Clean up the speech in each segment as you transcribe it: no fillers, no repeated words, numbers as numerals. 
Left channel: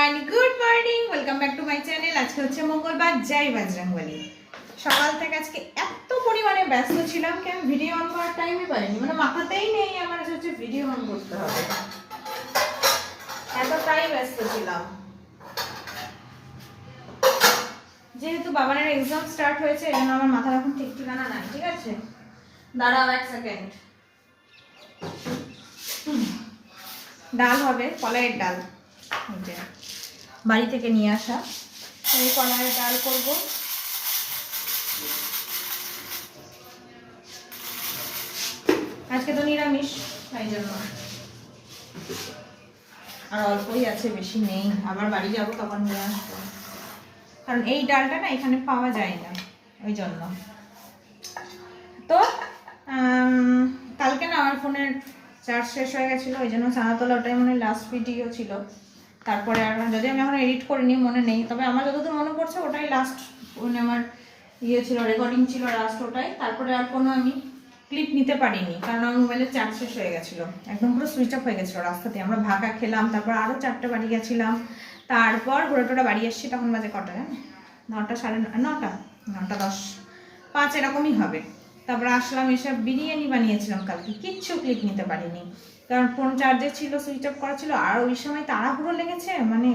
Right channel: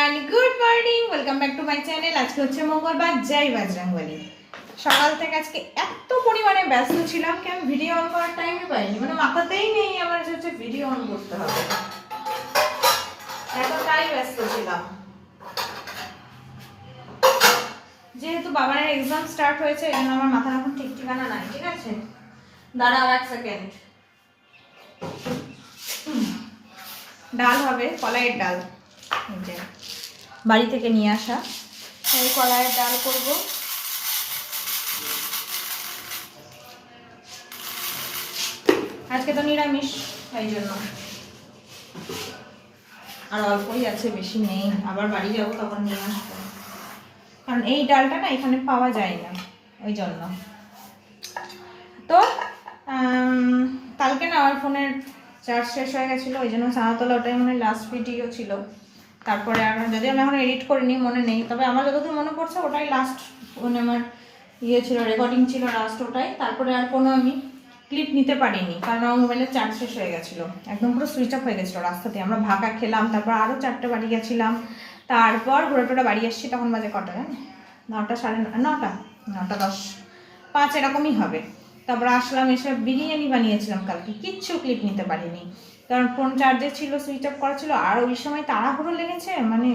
Everyone, good morning, welcome back to my channel. আজকে হচ্ছে মঙ্গলবার, জয় বজরংবলী। সকাল থেকে আজকে এত পরিমাণে ব্যস্ত ছিলাম কি আমি ভিডিও অন করার টাইমই পাইনি, মানে মাথাতেই নেই আমার যে হচ্ছে ভিডিও অন করতে হবে, এতটাই ব্যস্ত ছিলাম। যেহেতু বাবানের এক্সাম স্টার্ট হয়েছে এই জন্য আমার মাথার এখন ঠিক ঠিকানা নাই। ঠিক আছে, দাঁড়াও এক সেকেন্ড। ডাল হবে, কলাইয়ের ডাল, বাড়ি থেকে নিয়ে আসা। এই কলাইয়ের ডাল করব। আজকে তো নিরামিষ, তাই জন্য আর অল্পই আছে, বেশি নেই। আবার বাড়ি যাবো তখন নিয়ে আসবো, কারণ এই ডালটা না এখানে পাওয়া যায় না, ওই জন্য। তো কালকে না আমার ফোনের চার্জ শেষ হয়ে গেছিলো, ওই জন্য চানাতলা ওটাই মানে লাস্ট ভিডিও ছিল। তারপরে আর যদি আমি এখন এডিট করিনি, মনে নেই, তবে আমার যতদূর মনে পড়ছে ওটাই লাস্ট মানে আমার ইয়ে ছিল, রেকর্ডিং ছিল লাস্ট ওটাই। তারপরে আর কোনো আমি ক্লিপ নিতে পারিনি, কারণ আমার মোবাইলের চার্জ শেষ হয়ে গেছিলো, একদম পুরো সুইচ অফ হয়ে গেছিলো রাস্তাতে। আমরা ভাকা খেলাম, তারপর আরও 4টে বাড়ি গেছিলাম, তারপর ঘুরে টোরে বাড়ি এসেছি। তখন বাজে কটা জানি, 9টা, সাড়ে 9টা, 9:10-5 এরকমই হবে। তারপর আসলাম, এসে বিরিয়ানি বানিয়েছিলাম কালকে, কিচ্ছু ক্লিপ নিতে পারিনি, কারণ ফোন চার্জে ছিল, সুইচ অফ করা ছিল। আর ওই সময় তাড়াহুড়ো লেগেছে, মানে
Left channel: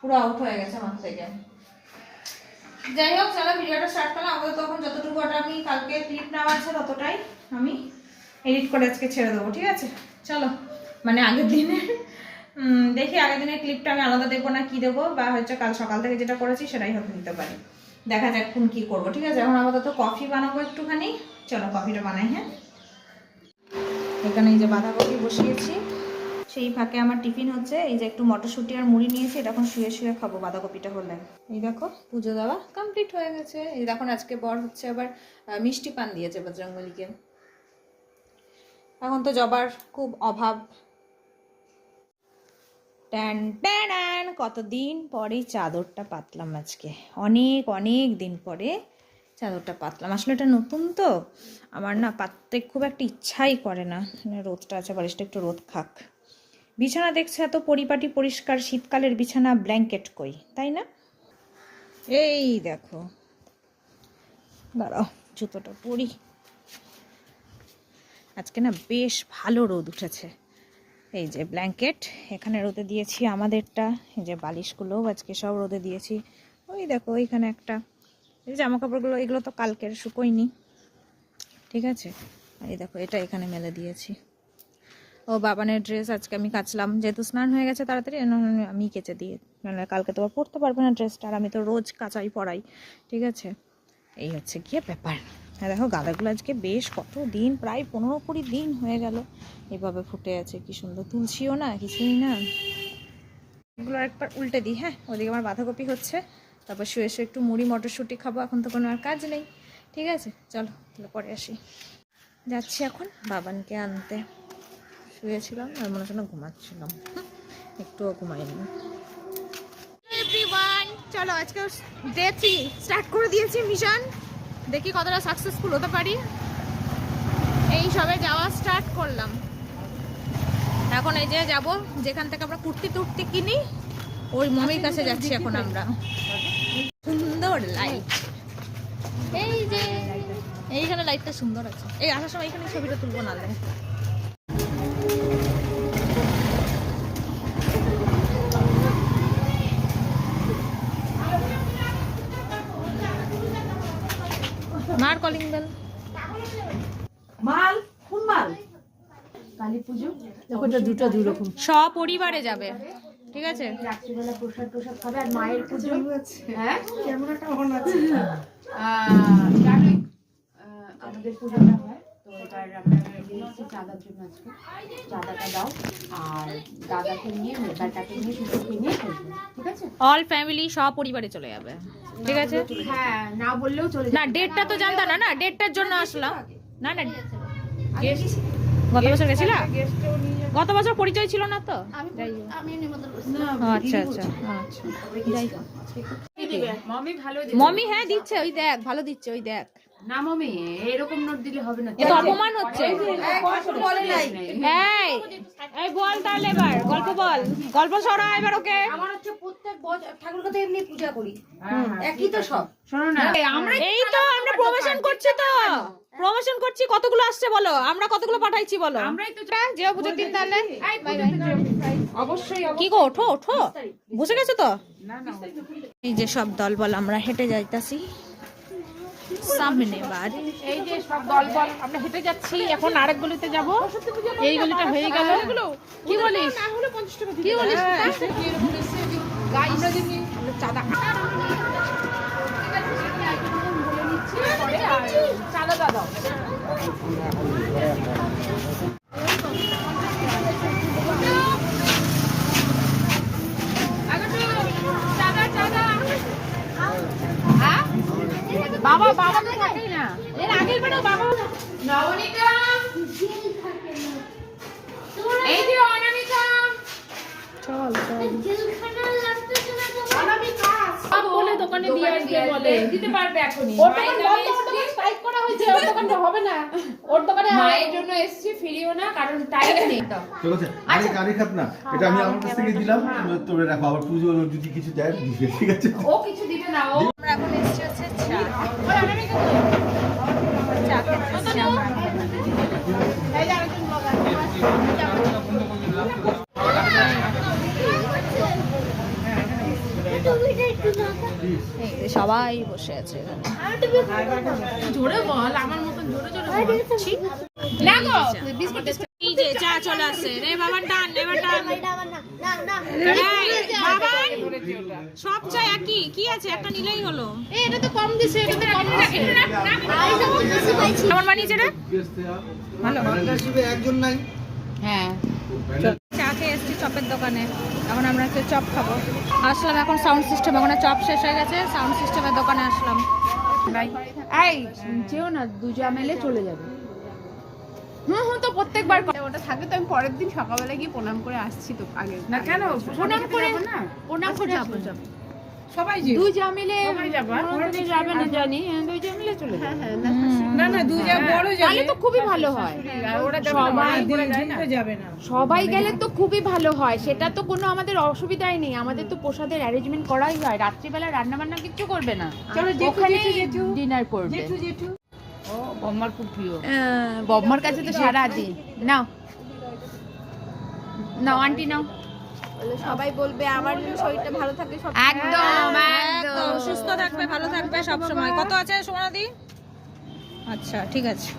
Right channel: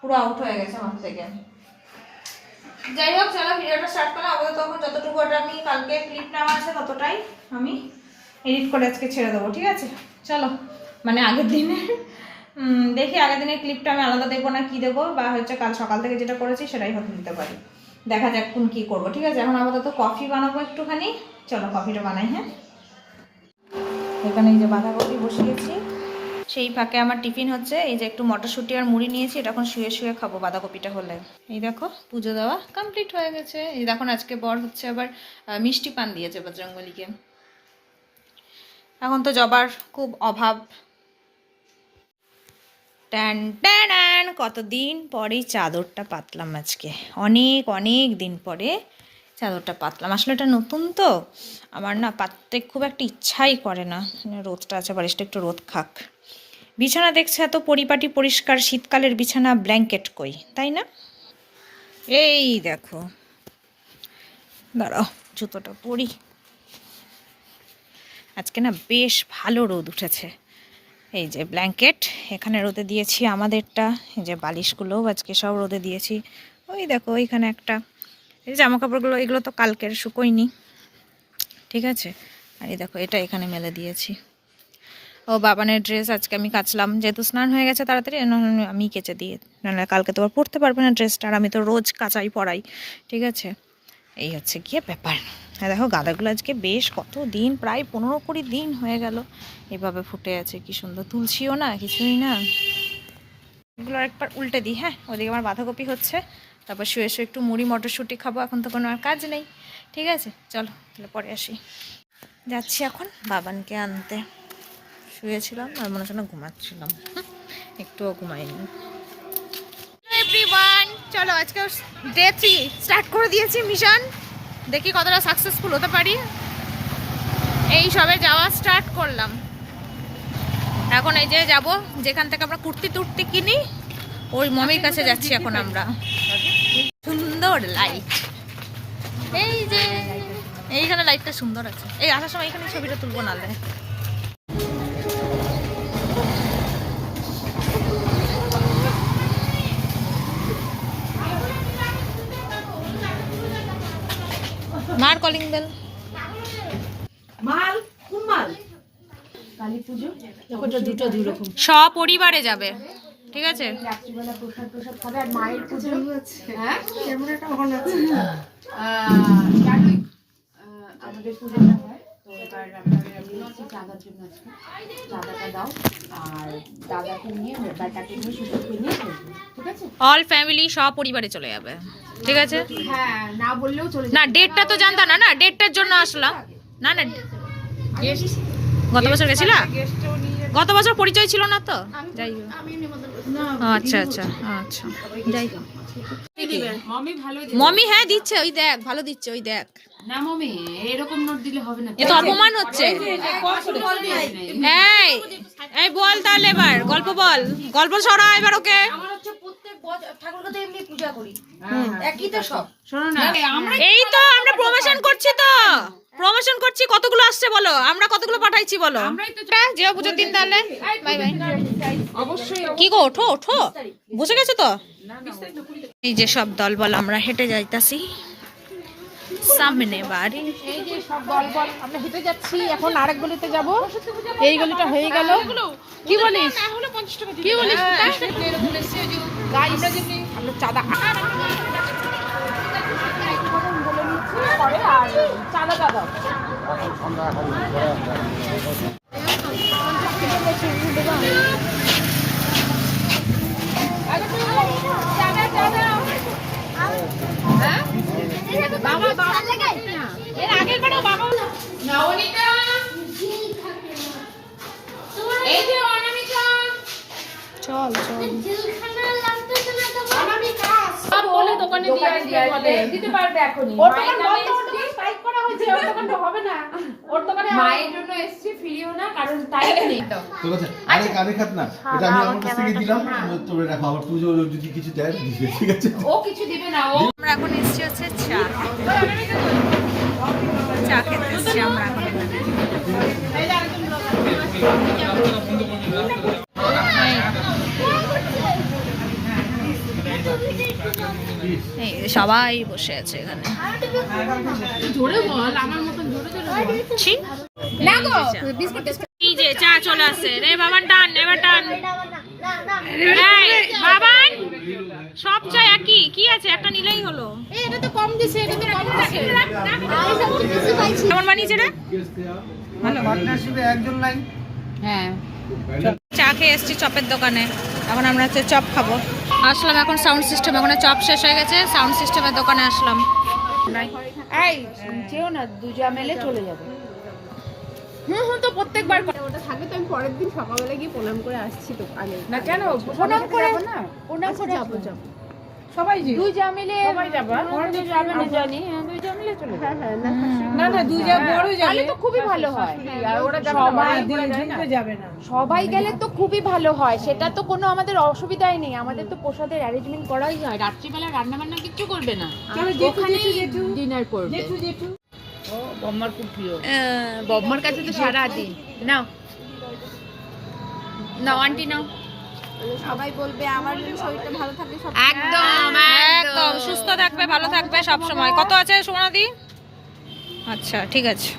পুরো আউট হয়ে গেছে আমার থেকে। যাই হোক, চলো ভিডিওটা স্টার্ট করলাম। আপাতত তখন যতটুকু ওটা আমি কালকে ক্লিপ নেওয়া আছে ততটাই আমি এডিট করে আজকে ছেড়ে দেবো। ঠিক আছে, চলো। মানে আগের দিনের দেখি, আগের দিনের ক্লিপটা আমি আলাদা দেখবো না কি দেবো, বা হচ্ছে কাল সকাল থেকে যেটা করেছি সেটাই হয়তো দিতে পারি, দেখা যাক কোন কী করবো। ঠিক আছে, এখন আপাতত কফি বানাবো একটুখানি। চলো কফিটা বানাই। হ্যাঁ, এখানে এই যে বাঁধাকপি বসিয়েছি, সেই ফাঁকে আমার টিফিন হচ্ছে। এই যে একটু মটরশুঁটি আর মুড়ি নিয়েছি, এটা এখন শুয়ে শুয়ে খাবো বাঁধাকপিটা হলে। এই দেখো পুজো দেওয়া কমপ্লিট হয়ে গেছে। এই দেখুন আজকে বর হচ্ছে আবার মিষ্টি পান দিয়েছে বজরংবলীকে। এখন তো জবার খুব অভাব। ট্যান ট্যান, কতদিন পরে চাদরটা পাতলাম আজকে, অনেক অনেক দিন পরে চাদরটা পাতলাম। আসলে এটা নতুন তো, আমার না পাততে খুব একটা ইচ্ছাই করে না। রোদটা আছে, বালিশটা একটু রোদ খাক। বিছানা দেখছে এত পরিপাটি পরিষ্কার, শীতকালের বিছানা, ব্ল্যাঙ্কেট কই, তাই না? এই দেখো, দাঁড়াও জুতোটা পরি। আজকে না বেশ ভালো রোদ উঠেছে। এই যে ব্ল্যাঙ্কেট এখানে রোদে দিয়েছি আমাদেরটা, এই যে বালিশগুলোও আজকে সব রোদে দিয়েছি। ওই দেখো ওইখানে একটা, এই জামা কাপড়গুলো এগুলো তো কালকের শুকোয়নি। ঠিক আছে, আর এই দেখো এটা এখানে মেলে দিয়েছি। ও বাবানের ড্রেস আজকে আমি কাচলাম, যেহেতু স্নান হয়ে গেছে তাড়াতাড়ি, আমি কেচে দিয়ে, নাহলে কালকে তো আর পরতে পারবে না ড্রেসটা, আর আমি তো রোজ কাচাই পরাই। ঠিক আছে, এই হচ্ছে গিয়ে ব্যাপার। আর দেখো গাঁদাগুলো আজকে বেশ কত দিন, প্রায় 15-20 দিন হয়ে গেল এভাবে ফুটে আছে, কি সুন্দর, তুলছিও না কিছুই না। এগুলো একবার উল্টে দিই। হ্যাঁ, ওদিকে আমার বাঁধাকপি হচ্ছে, তারপর শুয়ে শুয়ে একটু মুড়ি মটরশুঁটি খাবো, এখন তো কোনো আর কাজ নেই। ঠিক আছে, চলো তাহলে পরে আসি। যাচ্ছি এখন বাবানকে আনতে। শুয়েছিলাম আর মনে হচ্ছে না ঘুমাচ্ছিলাম, একটুও ঘুমাইনি। এভরিওয়ান, চলো আজকে ডে 3 স্টার্ট করে দিয়েছি মিশন, দেখি কতটা সাকসেসফুল হতে পারি। এই সবে যাওয়া স্টার্ট করলাম, এখন এই যে যাব যেখান থেকে আমরা কুর্তি টুর্তি কিনি, ওই মমির কাছে যাচ্ছি এখন আমরা। সুন্দর লাইট, এই যে এইখানে লাইটটা সুন্দর আছে। এই আসার সময় এখানে ছবিটা তুলবো, নালে মার কলিং বেল। মাল কোন মাল? কালী পুজো দুটো দুই রকম, সপরিবারে যাবে। ঠিক আছে, রাত্রিবেলা প্রসাদ প্রসাদ খাবে, আর মায়ের পুজো। হ্যাঁ, ক্যামেরাটা অন আছে। জানি আমাদের পুজোটা হয়, তো এবার আপনারা এসেছি চাঁদার জন্য। আজকে চাঁদাটা দাও, আর দাদাকে নিয়ে, বেটাকে নিয়ে, শ্বশুরকে নিয়ে করবো। ঠিক আছে, অল ফ্যামিলি সপরিবারে চলে যাবে। ঠিক আছে, হ্যাঁ না বললেও চলে না ডেটটা তো জানতাম না, না ডেটটার জন্য আসলাম। না না, গত বছর গেছিলা? গত বছর পরিচয় ছিল না তো, যাই হোক। আমি নিমন্ত্রণ আচ্ছা আচ্ছা আচ্ছা যাই মমি ভালো মমি হ্যাঁ দিচ্ছে, ওই দেখ ভালো দিচ্ছে, ওই দেখ। না মমি এরকম নোট দিলে হবে না। এ তো অপমান হচ্ছে। এই এই বল তাহলে এবার গল্প বল, গল্প ছড়া এবার ওকে। আমার হচ্ছে প্রত্যেক ঠাকুরকে তো এমনি পূজা করি, একই তো সব। শোনো না, আমরা এই তো আমরা প্রমোশন করছি, তো প্রমোশন করছি। কতগুলো আসছে বলো, আমরা কতগুলো পাঠাইছি বলো। আমরাই তো যেও পুজোর দিন তাহলে বাই বাই। অবশ্যই কি গো ওঠো ওঠো, বসে গেছো তো। এই যে সব দল বল আমরা হেঁটে যাইতাছি সামনে বাড়ি। এই যে সব দল আমরা হেঁটে যাচ্ছি, এখন আরেক গলিতে যাব। এই গলিটা হয়ে গেল। কি বলিস? কি বলিস? আমরা যদি চাঁদা বলে নিচ্ছি পরে, আর চাঁদা দাও। বাবা বাবা না, এর আগের বারও বাবা। নবনীতা, এই যে অনামিকা, চল চল। অনামিকা সব বলে দোকানে দিয়ে আসবে, বলে দিতে পারবে এখনি। ওর দোকান বন্ধ করে স্ট্রাইক করা হয়েছে, ওর দোকানটা হবে না। ওর দোকানে মায়ের জন্য এসেছি, ফিরিও না, কারণ টাইম নেই তো। ঠিক আছে, আরে খাত না, এটা আমি আমার কাছ থেকে দিলাম, তোরে রাখো, আবার পুজো যদি কিছু দেয় দিবে, ঠিক আছে? ও কিছু দিবে না, ও আমরা এখন এসেছি হচ্ছে চা চা খেতে এসেছি আমরা এখন এখানে। এই সবাই বসে আছে এখানে। জোরে বল, আমার মতন জোরে জোরে বল। ছি, না গো, বিস্কুট এই যে চা চলে আসছে রে বাবান, টান এবার টান। এই বাবান, সব চা একই, কি আছে একটা নিলেই হলো। এটা তো কম দিছে, এটা তো কম দিছে। কেমন বানিয়েছে রে? ভালো। একজন নাই। হ্যাঁ, চা খেয়ে এসেছি চপের দোকানে, এখন আমরা হচ্ছে চপ খাবো। আসলাম এখন সাউন্ড সিস্টেম, এখন চপ শেষ হয়ে গেছে, সাউন্ড সিস্টেমের দোকানে আসলাম। এই যেও না, দুজা মেলে চলে যাবে। হুম তো প্রত্যেকবার ওটা থাকবে তো আমি পরের দিন সকালবেলা গিয়ে প্রণাম করে আসছি তো আগে। না কেন প্রণাম করে না, প্রণাম করে যাবো সবাই যে দুই যা মিলে সবাই যাবে, পরে যাবে না জানি, দুই যা মিলে চলে যাবে। হ্যাঁ না না, দুই যা বড় যাবে, তাহলে তো খুবই ভালো হয়। আর ওরা যাবে না, যাবে না, সবাই গেলে তো খুবই ভালো হয়, সেটা তো কোনো আমাদের অসুবিধাই নেই। আমাদের তো প্রসাদের অ্যারেঞ্জমেন্ট করাই হয়, রাত্রিবেলা রান্না বান্না কিছু করবে না, ওখানে ডিনার করবে। ও বম্মার খুব প্রিয়, বম্মার কাছে তো সারা দিন। নাও নাও আন্টি নাও। সবাই বলবে আমার জন্য শরীরটা ভালো থাকে সব। একদম একদম সুস্থ থাকবে, ভালো থাকবে সব সময়। কত আছে সোনাদি? আচ্ছা ঠিক আছে,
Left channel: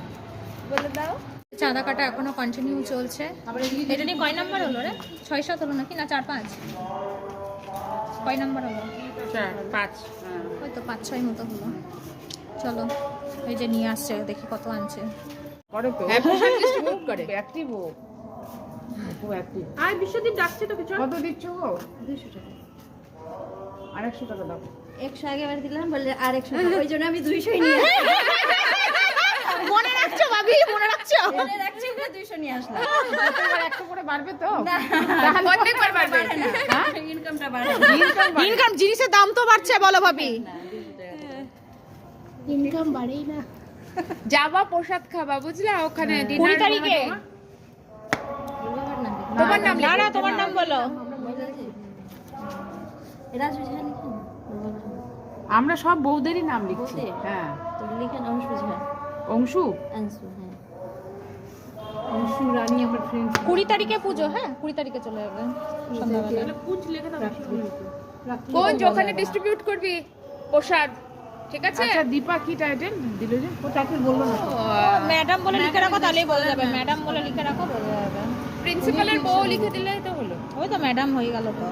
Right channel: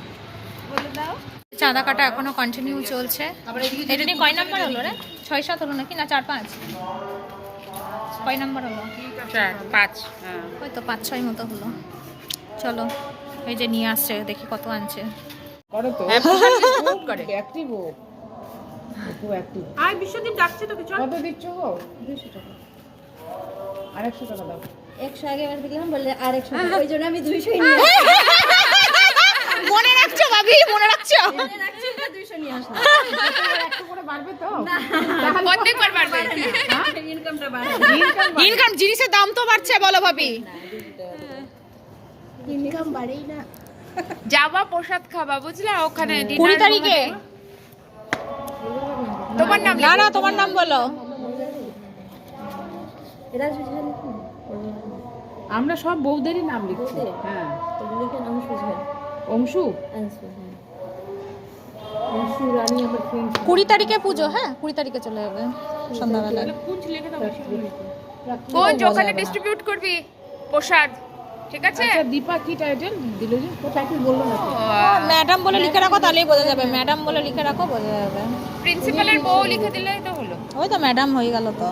বলে দাও। চাঁদা কাটা এখনো কন্টিনিউ চলছে। এটা নিয়ে কয় নাম্বার হলো রে? 6-7 হলো নাকি, না 4-5? কয় নাম্বার হলো? 4-5, ওই তো 5-6 মতো হলো। চলো, এই যে নিয়ে আসছে, দেখি কত আনছে। করে তো খুব করে অ্যাক্টিভ, ও খুব অ্যাক্টিভ। আর বিশ্বদীপ ডাকছে তো কিছু। কত দিচ্ছ গো? 200 টাকা আর 100 টাকা দাও। 100 আগে এবার দিলাম, বলে আর 100 ওই জন্য আমি 200ই নিয়ে মনে রাখছো ভাবি, মনে রাখছো? রাখছি, 200 নিয়ে আসলাম। এবার একটা করে বাড়বে তো? তাহলে প্রত্যেকবার বাড়বে। হ্যাঁ, ইনকামটা বাড়াবো। ইনকাম, জিনিসের দাম তো বাড়ছে বলো ভাবি। ইনকাম বাড়েই না। যাবা প্রসাদ খাবা, বুঝলা? ওখানে 20 তারিখে। তোমার নাম না না, তোমার নাম বলো। এরা বুঝবে নাকি? আমরা সব বউদেরই নাম লিখছি। হ্যাঁ, তো লিখেন অংশ বুঝবে। অংশু, আনসু, হ্যাঁ। অংশু রানী আমার ফ্রেন্ড। 20 তারিখে পুজো, হ্যাঁ 20 তারিখে চলে যাবে সন্ধ্যাবেলা। কোন ওখানে ডিস্ট্রিবিউট করবি প্রসাদ, ঠিক আছে? আচ্ছা দীপা কি টাইটেল দিল যে? ও টাইটেল বললো না। ম্যাডাম বলে লিখে রাখো, তাহলেই বোঝা যাবে। ম্যাডাম বলে লিখে রাখো, বোঝা যাবে। প্রিন্সিপালের বউ লিখে দিলেই তো হলো। ওই তো ম্যাডাম হয়ে গেল তো।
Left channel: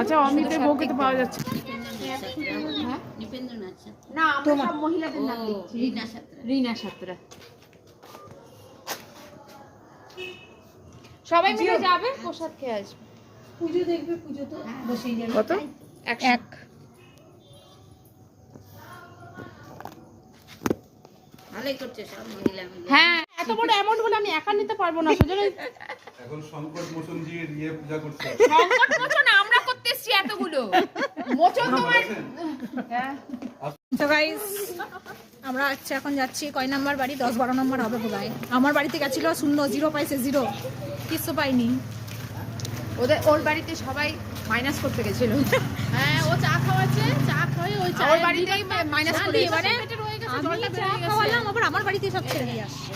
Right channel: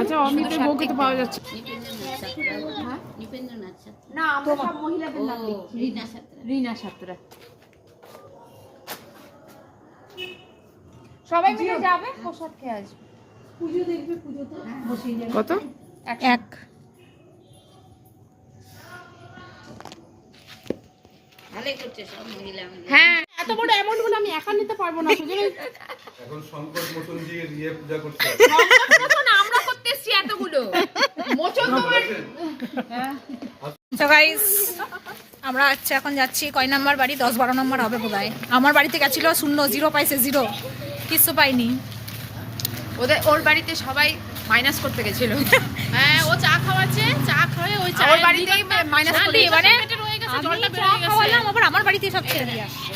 আচ্ছা, অমিতের বউকে তো পাওয়া যাচ্ছে না, আমরা সব মহিলাদের নাম লিখছি। রিনা সাতরা। সবাই মিলে যাবে, প্রসাদ খেয়ে আসবে। পুজো দেখবে, পুজো তো বসেই যাবে। কত? 1 ভালোই করছে সব মহিলা মিলে। হ্যাঁ এত বড় অ্যামাউন্ট হলো আমি একা নিতে পারবো না সেজন্য এখন সংকট মোচন দিয়ে দিয়ে পূজা করছে আমরা করতে এসেছি এতগুলো মোচন তোমার তো গাইস আমরা আচ্ছা এখন যাচ্ছি কয় নাম্বার বাড়ি 10-12 নম্বর হবে বোধহয়। আমার বাড়িতে গেছিল 0 পাইছে 0 কিছু পাইনি। ওর বাড়িতে সবাই মাইনাস করতে গেছিল। হ্যাঁ ও চা খাওয়াচ্ছে চা খাওয়ায় ওই চা ওর বাড়িতেই মাইনাস করে এবারে রয়ে গেছে আমি জলটা চা বেরিয়ে গেছে খাওয়ালাম আবার আমার বাড়িতে সব ছেড়ে দিয়ে আসছে।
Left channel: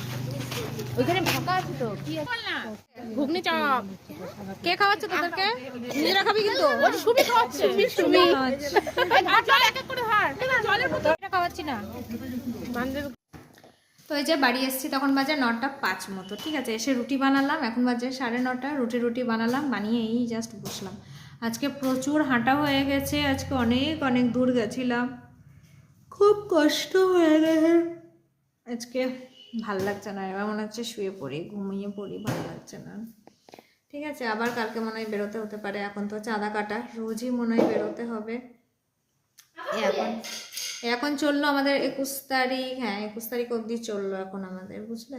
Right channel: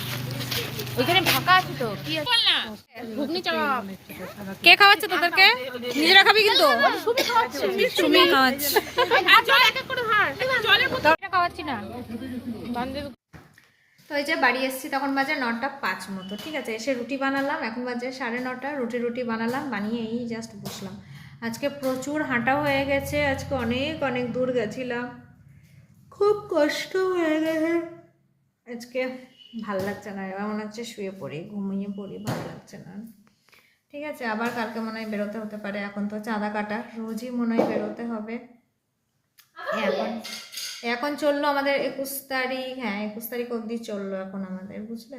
ওইখানে ফাঁকা আছে তো কি ঘুগনি চা কে খাওয়াচ্ছে তোদেরকে? নিজেরা খাবি কিন্তু? সুমি খাওয়াচ্ছে সুমি খাওয়াচ্ছে। জল এক এক করে হার জলের বোতল খাওয়াচ্ছি না। বান্ধব তো এই যে বাড়ি এসেছি তখন বাজে 9:05 মতো, ঠিক আছে। এসে রুটি বানালাম, এখন বাজে 9:30। রুটি বানালাম, বানিয়ে এই জাস্ট বসলাম। আজকে প্রচুর হাঁটা হয়ে গেছে, আজকে অনেক দূর গেছিলাম, খুব কষ্ট হয়ে গেছে। আজকে ভাল লাগছে না, এবার মনে হচ্ছে শুয়ে পড়ি, ঘুমিয়ে পড়ি, ভালো লাগছে না, ঠিক আছে। আবার কালকে মনে হয় বেরোতে হতে পারে, এখন তো চাঁদা কাটা, রোজই মনে হয় বেরোতে হবে। এখন চললো আমাদের 21 তারিখ, হ্যাঁ 21 তারিখ অবধি চললো এখন আমাদের, বুঝলে।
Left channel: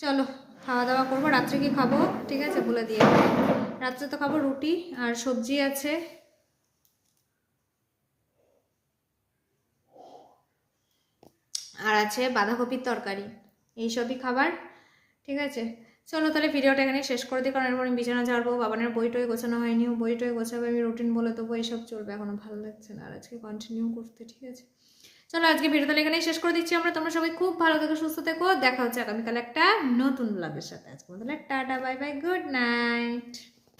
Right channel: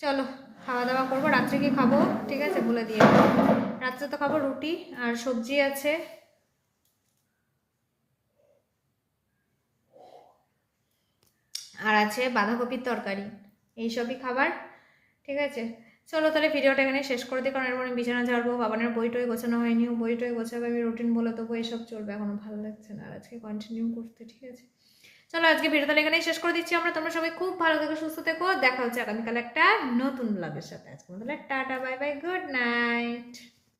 চলো খাওয়া দাওয়া করবো। রাত্রে কি খাবো ঠিক আছে বলে দিয়ে, রাত্রে তো খাবো রুটি আর সবজি আছে, আর আছে বাঁধাকপির তরকারি, এইসবই খাবার, ঠিক আছে। চলো তাহলে ভিডিওটা এখানে শেষ করে দিই, কারণ এরপর আমি বিছানা ঝাড়বো, বাবানের বইটই গোছানো হয়নি, বইটই গোছাবে, আমি রুটিন বলে দেবো, এইসব চলবে, এখনো ভালো লাগছে না আর আজকে কন্টিনিউ করতে, ঠিক আছে। চলো আজকে ভিডিওটা এখানেই শেষ করে দিচ্ছি আমরা। তোমরা সবাই খুব ভালো থেকো, সুস্থ থেকো, দেখা হচ্ছে আগামীকাল একটা নতুন ব্লগের সাথে। আজকে মতো tata, bye bye, good night.